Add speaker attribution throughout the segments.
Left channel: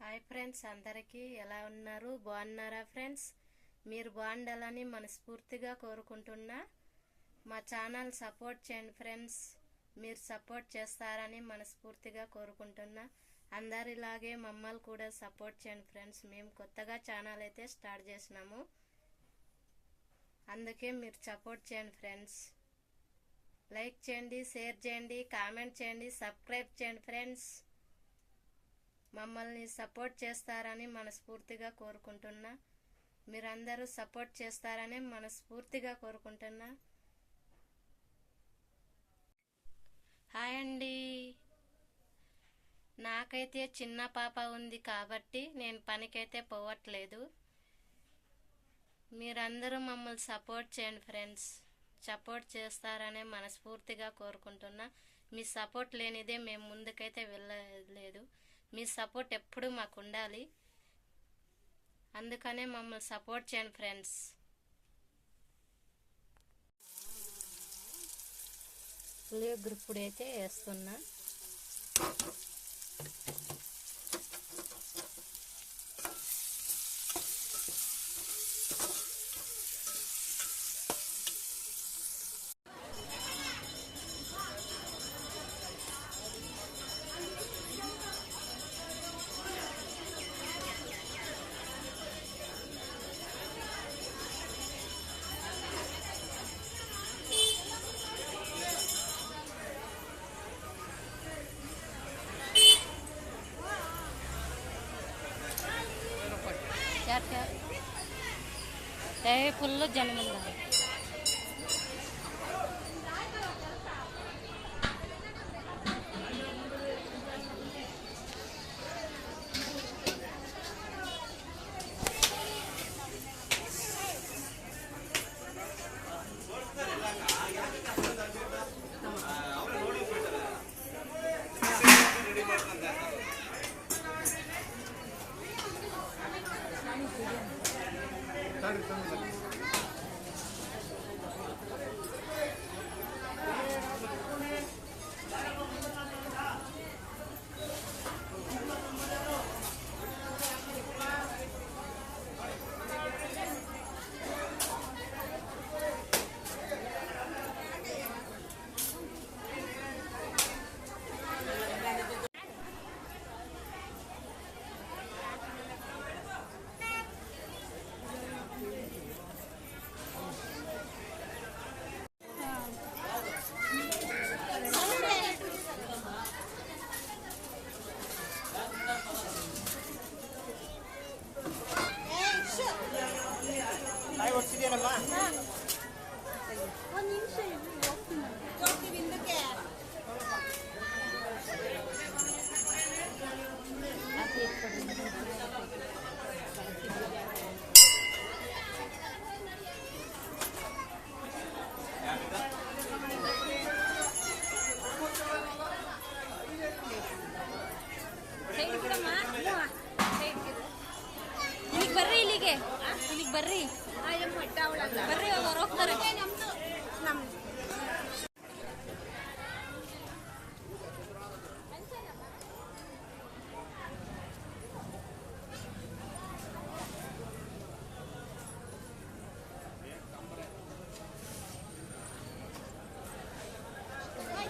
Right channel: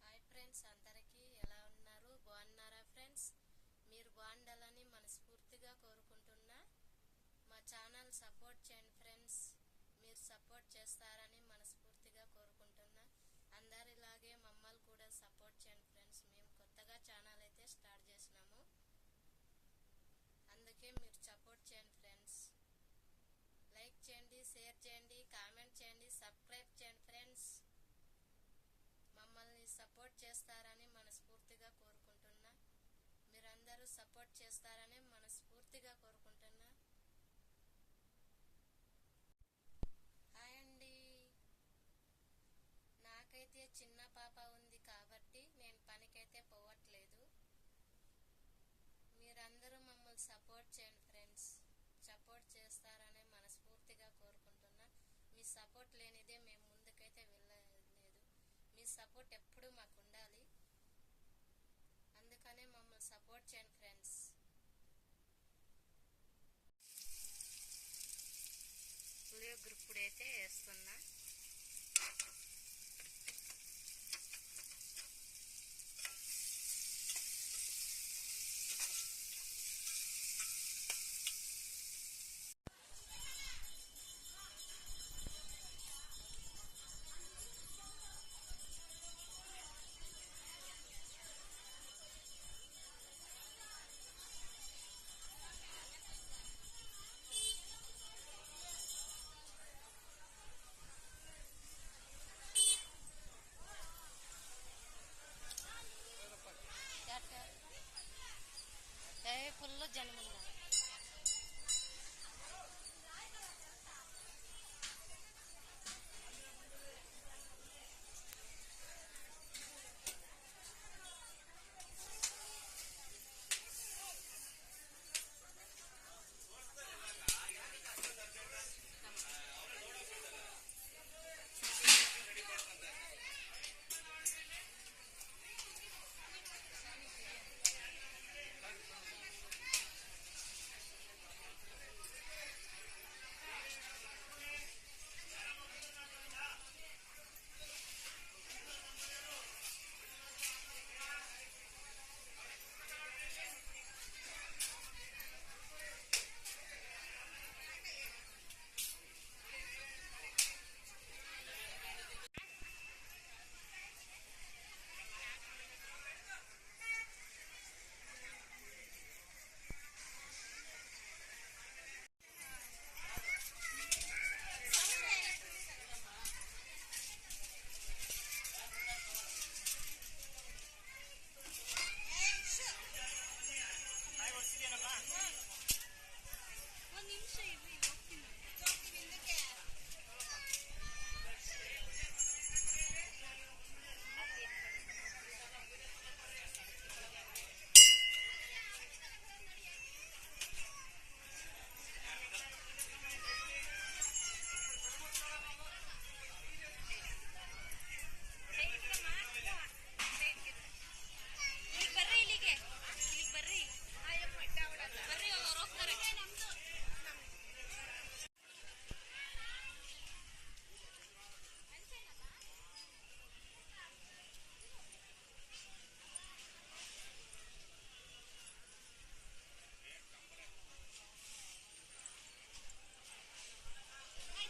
Speaker 1: Hi friends అందరికీ ఎలా ఉన్నారు? బాగున్నారా ఫ్రెండ్స్? మీరు బాగుండాలని మనస్ఫూర్తిగా కోరుకుంటున్నా. మా ఛానల్ సపోర్ట్ చేయండి ఫ్రెండ్స్. మీరు సపోర్ట్ చేస్తారని మనస్ఫూర్తిగా కోరుకుంటున్నా. అందరిలాగే మమ్మల్ని కూడా సపోర్ట్ చేయండి ఫ్రెండ్స్. మేము కొత్తగా ఛానల్ అయితే స్టార్ట్ చేసినాము. అందుకే మీరు సపోర్ట్ చేయండి ఫ్రెండ్స్. లైక్ చేయండి షేర్ చేయండి కామెంట్ చేయండి సబ్స్క్రైబ్ చేయండి ఫ్రెండ్స్. మమ్మల్ని సపోర్ట్ చేస్తారని మనస్ఫూర్తిగా కోరుకుంటున్నా. మీరందరూ సపోర్ట్ చేస్తారని మనస్ఫూర్తిగా కోరుకుంటున్నా. హాయ్ అండి. నాకైతే చిన్న పాప ఉంది కాబట్టి నేను పనికైతే పోవట్లేదు. మీరందరూ మమ్మల్ని సపోర్ట్ చేయండి ఫ్రెండ్స్. సపోర్ట్ చేస్తారనే మనస్ఫూర్తిగా కోరుకుంటున్నా. మీ సపోర్ట్ లేనిదే మేము ముందుకైతే వెళ్ళలేదు. మీ సపోర్ట్ ఎప్పుడూ మాకు ఉండాలి అందుకనే మమ్మల్ని సపోర్ట్ చేయండి ఫ్రెండ్స్. గ్రూప్ అయితే వేస్తున్నా. করল জনগণ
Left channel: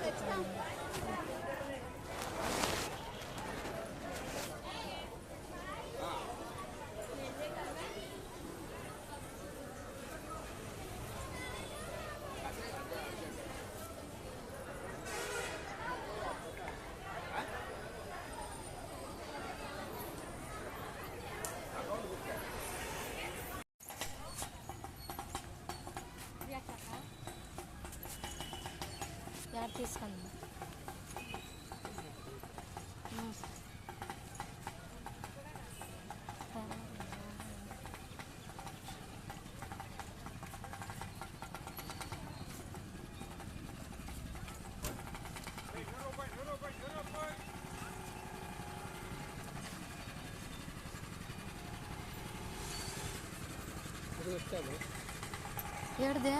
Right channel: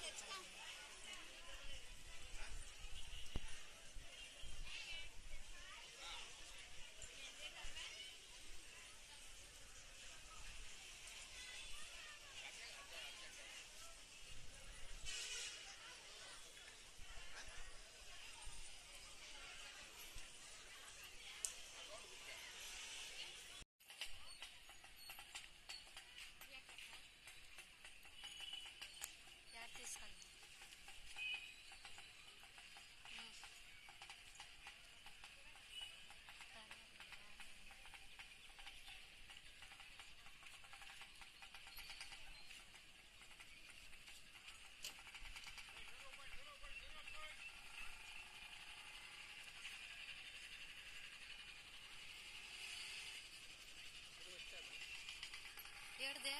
Speaker 1: Let's go. తీసుకుందాం ఏడుదే?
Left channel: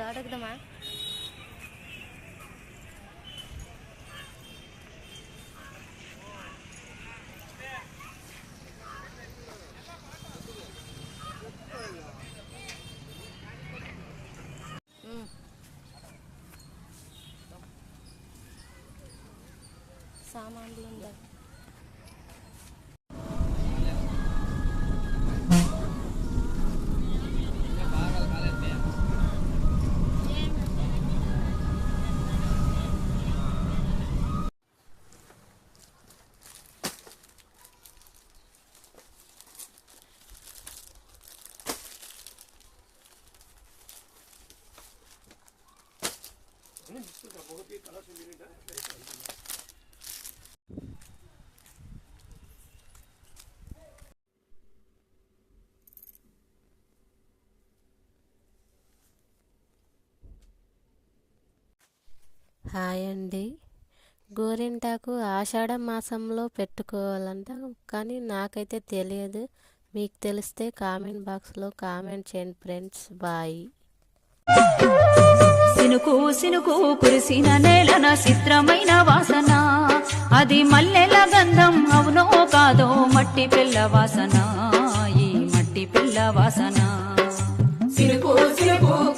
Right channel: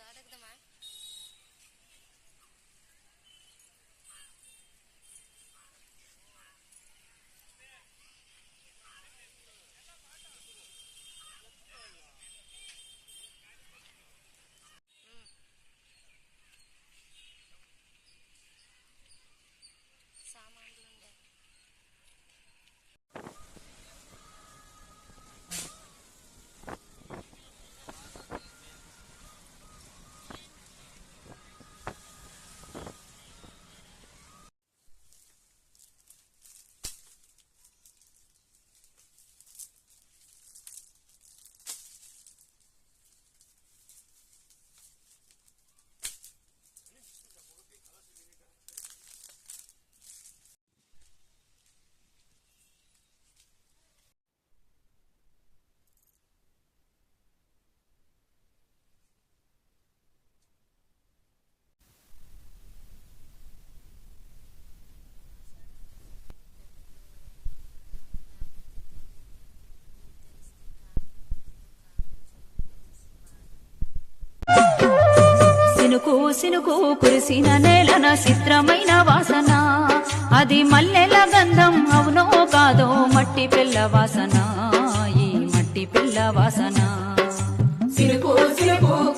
Speaker 1: ஸ்கூல் அதுக்கு தான்மா சாமான்களும் హాయ్ అండి. గోరింటాకు ఆషాఢ మాసంలో పెట్టుకోవాలంట కానీ నాకైతే తెలియదు. మీకు తెలిస్తే కామెంట్ బాక్స్లో కామెంట్ చేయండి ఫ్రెండ్స్. బాయ్.
Speaker 2: సినుకు సినుకు కురిసిన నేలన చిత్రమైన వాసన. అది మల్లెల గంధం అవునో కాదో మట్టి పిల్ల వాసన. ఈ మట్టి పిల్ల వాసన.
Speaker 3: సినుకు సినుకు